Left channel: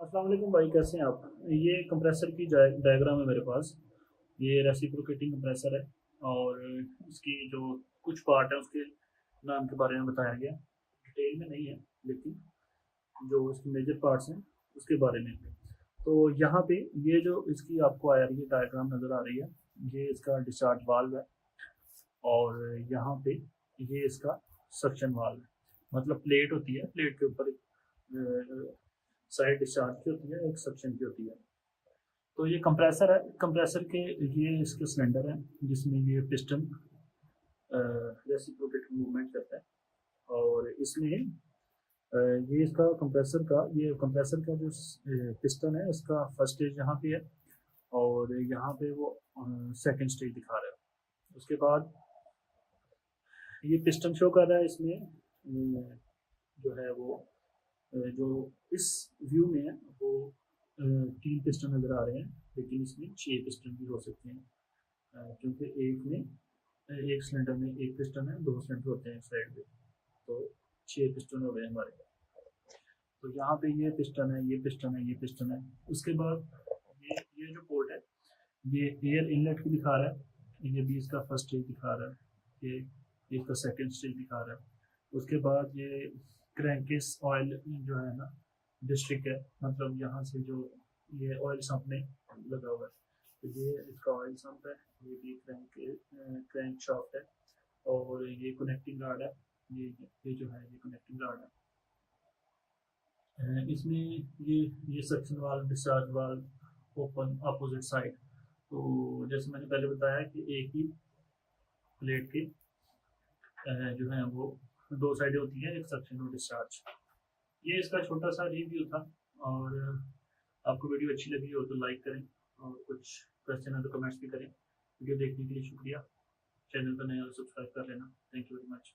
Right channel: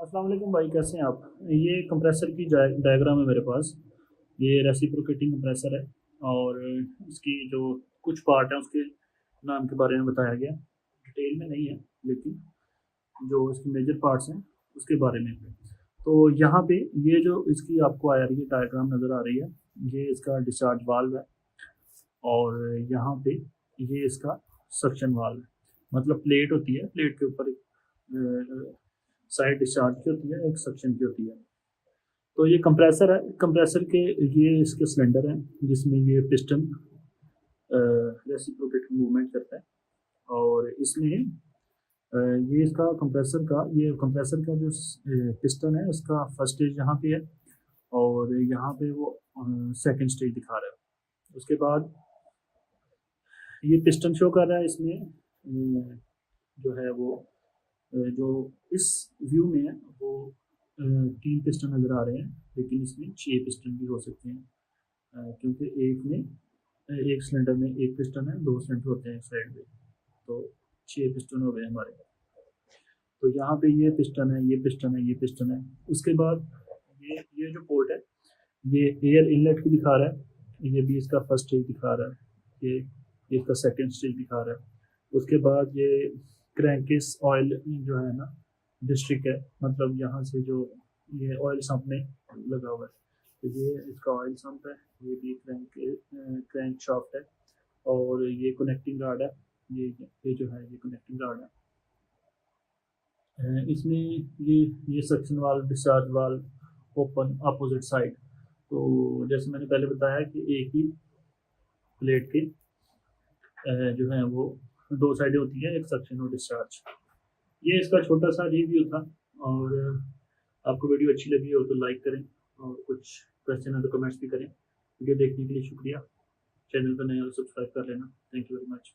अस्सलाम वालेकुम भाई, कैसे हैं आप? ये कंप्रेसर की डायग्राम है मेरे पास। ये रेसिप्रोकेटिंग कंप्रेसर है और इसकी जो कुछ पार्ट है उसके नाम के बारे में बताया गया। डिटेल में नहीं है, लेकिन जो इसके मेजर पार्ट्स हैं उसके बारे में है। तो यहाँ पे ये जो इसकी आपको आ रही है डायग्राम नज़र आ रही है, ये इसका डिस्चार्ज वाल्व है। और यहाँ पे ये इसका सक्शन वाल्व है। मतलब प्लेट होती है, प्लेट के ऊपर एक साइड डिस्चार्ज की होती है, एक सक्शन की होती है। तो ये कंप्रेसर है, कंप्रेसर के ये इसके सिलेंडर हैं जिसमें ये पिस्टन रेसिप्रोकेटिंग मूवमेंट करता है। और इसमें ये इसका कंप्रेसर का जो पिस्टन है उसका फर्स्ट स्टेज यहाँ पे है और यहाँ पे वो सेकंड स्टेज दिखा रहा है। उसके बाद ये पिस्टन शो कर रहा है इसमें जो है वो जो इस व्यू में है वो 3 पिस्टन नज़र आ रहे हैं, लेकिन इसमें 6 पिस्टन भी हो सकते हैं। क्योंकि एक सिलेंडर में एक पिस्टन है, 2 सिलेंडर होते हैं साइड में, तो 6 पिस्टन हो गए हमारे। तो यहाँ पे ये पिस्टन है, ये पिस्टन है, ये पिस्टन है। उसके बाद ये जो पोर्ट है ये एयर इनलेट की दिखा रहा है, ये भी इसका फर्स्ट स्टेज दिखा रहा है, ये इसका सेकेंड स्टेज दिखा रहा है। उसके बाद ये क्रैंकिस ऑयल जो है ना डिस्ट्रिक्ट है, मतलब यहाँ से जो ये ऑयल सम्प में लगा हुआ है, तो ये इसका ऑयल सम्प है। ये भी क्रैंक शाफ्ट है और ये कनेक्टिंग रॉड है। ये जो है ये कनेक्टिंग रॉड है। इसमें ये suction valve, discharge valve open opposite side. तो जैसे मैंने पहले बताया कि एक ही प्लेट के जो है वो 2 साइडें होती हैं, एक सक्शन और डिस्चार्ज। ये इसका छोटा सा रिव्यू था। और आपको वीडियो अच्छी लगी हो तो लाइक करें, और कुछ क्वेश्चन है तो कमेंट्स भी करें। वीडियो देखने के लिए शुक्रिया। चैनल पर नए हो तो सब्सक्राइब कर लेना। Thank you very much.